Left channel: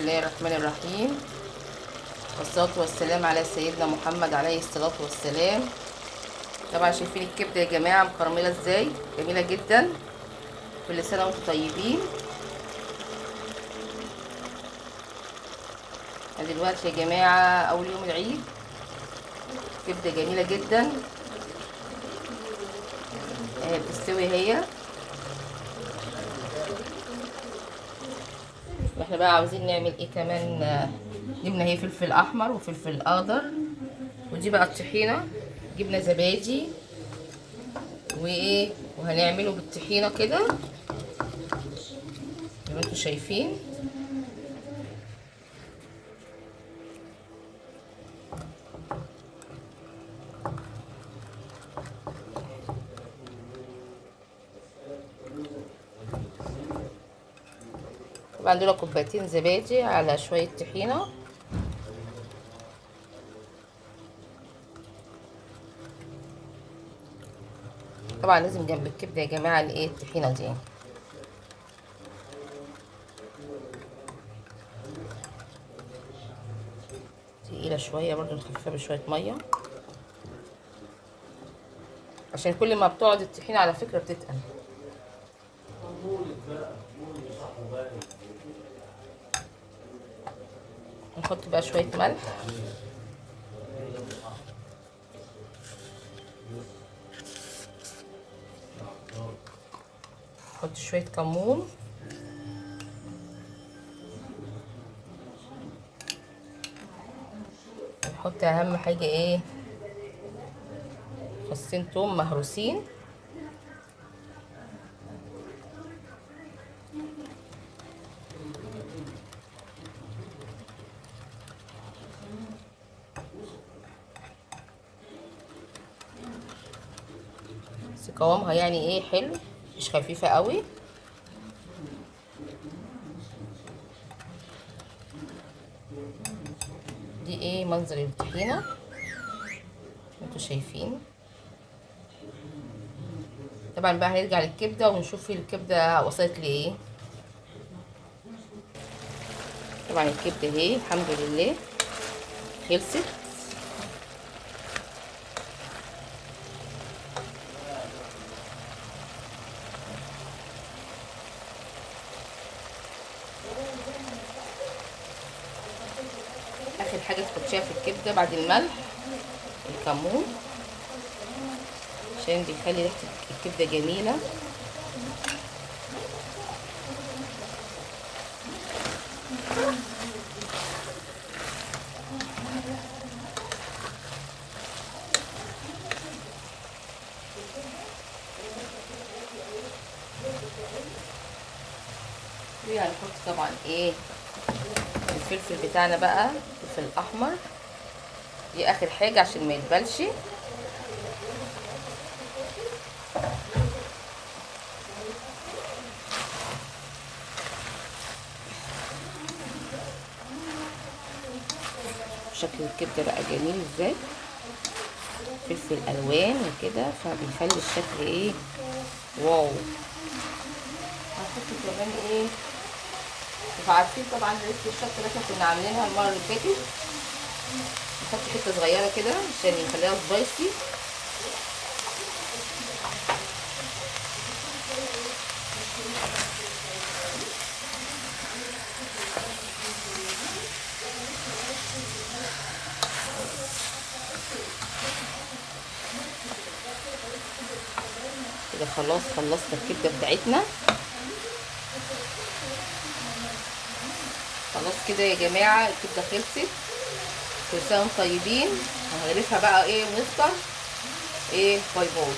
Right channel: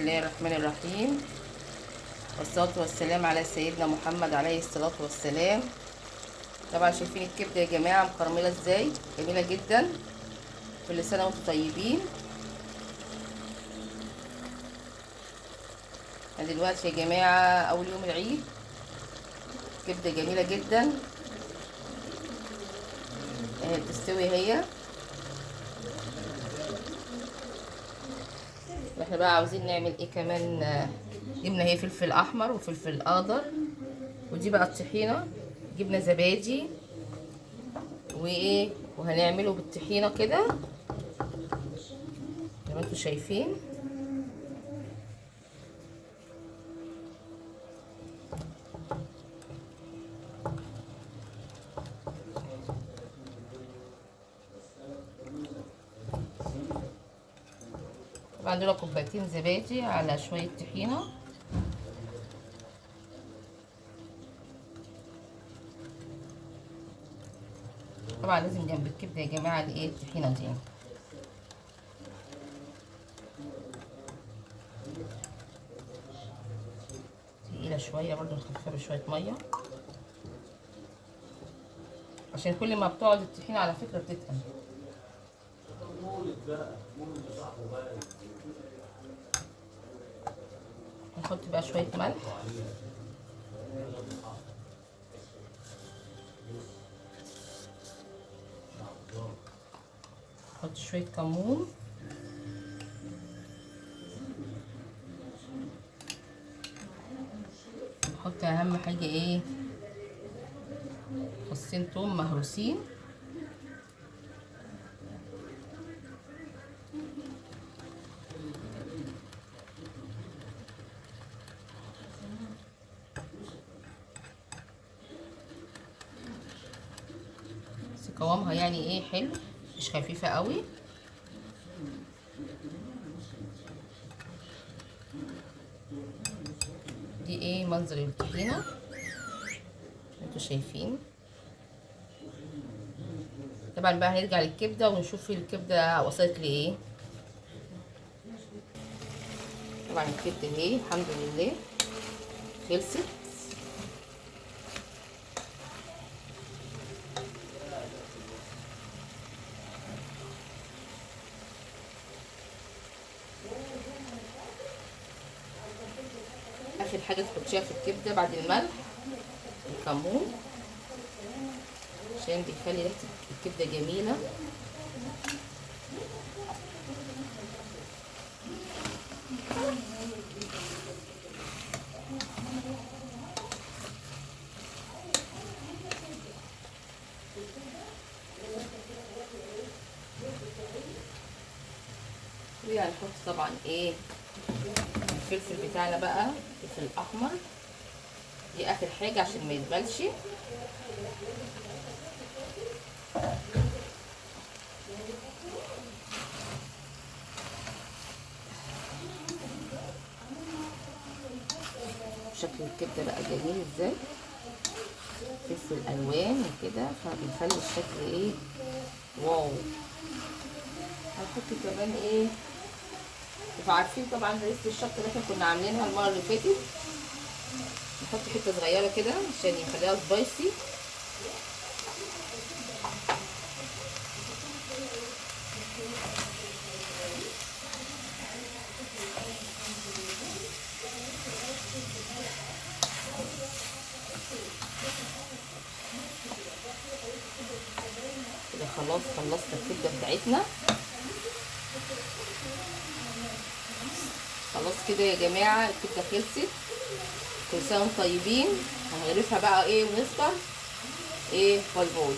الله الرحمن الرحيم، والصلاة والسلام على سيدنا محمد عليه الصلاة والسلام. طبعا شايفين الكبدة يا جماعة مكرملة ازاي، جميلة جدا. كل سنة وانتم طيبين. دلوقتي يا جماعة اول يوم العيد، كبدة جميلة جدا بتستوي هي. واحنا بقى عاوزين نعمل ايه كمان؟ جبنا هي فلفل احمر وفلفل اخضر، ودي بقى الطحينة، جبنا زبادي وايه، وهنعمله بالطحينة كده زي ما انتم شايفين. طبعا دول كوبايتين زبادي على شوية طحينة. طبعا لازم جنب الكبدة يا جماعة الايه الطحينة دي. تقيلة شوية برضو، نخففها بشوية مية عشان كل ما بتقعد الطحينة على فكرة بتتقل. نحط بقى شوية ملح، نحط شوية كمون، نحط اهم حاجة ايه، فصين توم مهروسين، بس قوامها يعني ايه حلو، مش خفيفة قوي. دي ايه منظر الطحينة انتوا شايفين. طبعا بقى هنرجع للكبدة ونشوف الكبدة وصلت لايه. طبعا الكبدة اهي الحمد لله خلصت. اخر حاجة تحطيها في الكبدة بعد الملح الكمون، عشان بيخلي ريحة الكبدة جميلة. وهنحط طبعا ايه الفلفل بتاعنا بقى، الفلفل الاحمر، دي اخر حاجة عشان ما يتبلش. شكل الكبدة بقى جميل ازاي، فلفل الوان وكده، فبيخلي الشكل ايه واو. هنحط كمان ايه، انتوا عارفين طبعا ريحة الشطة اللي احنا كنا عاملينها المرة اللي فاتت، نحط حتة صغيرة كده عشان يخليها سبايسي. كده خلاص خلصنا الكبدة بتاعتنا. خلاص كده يا جماعة الكبدة خلصت. كل سنة وانتم طيبين. هنغرفها بقى ايه ونفطر ايه. باي باي.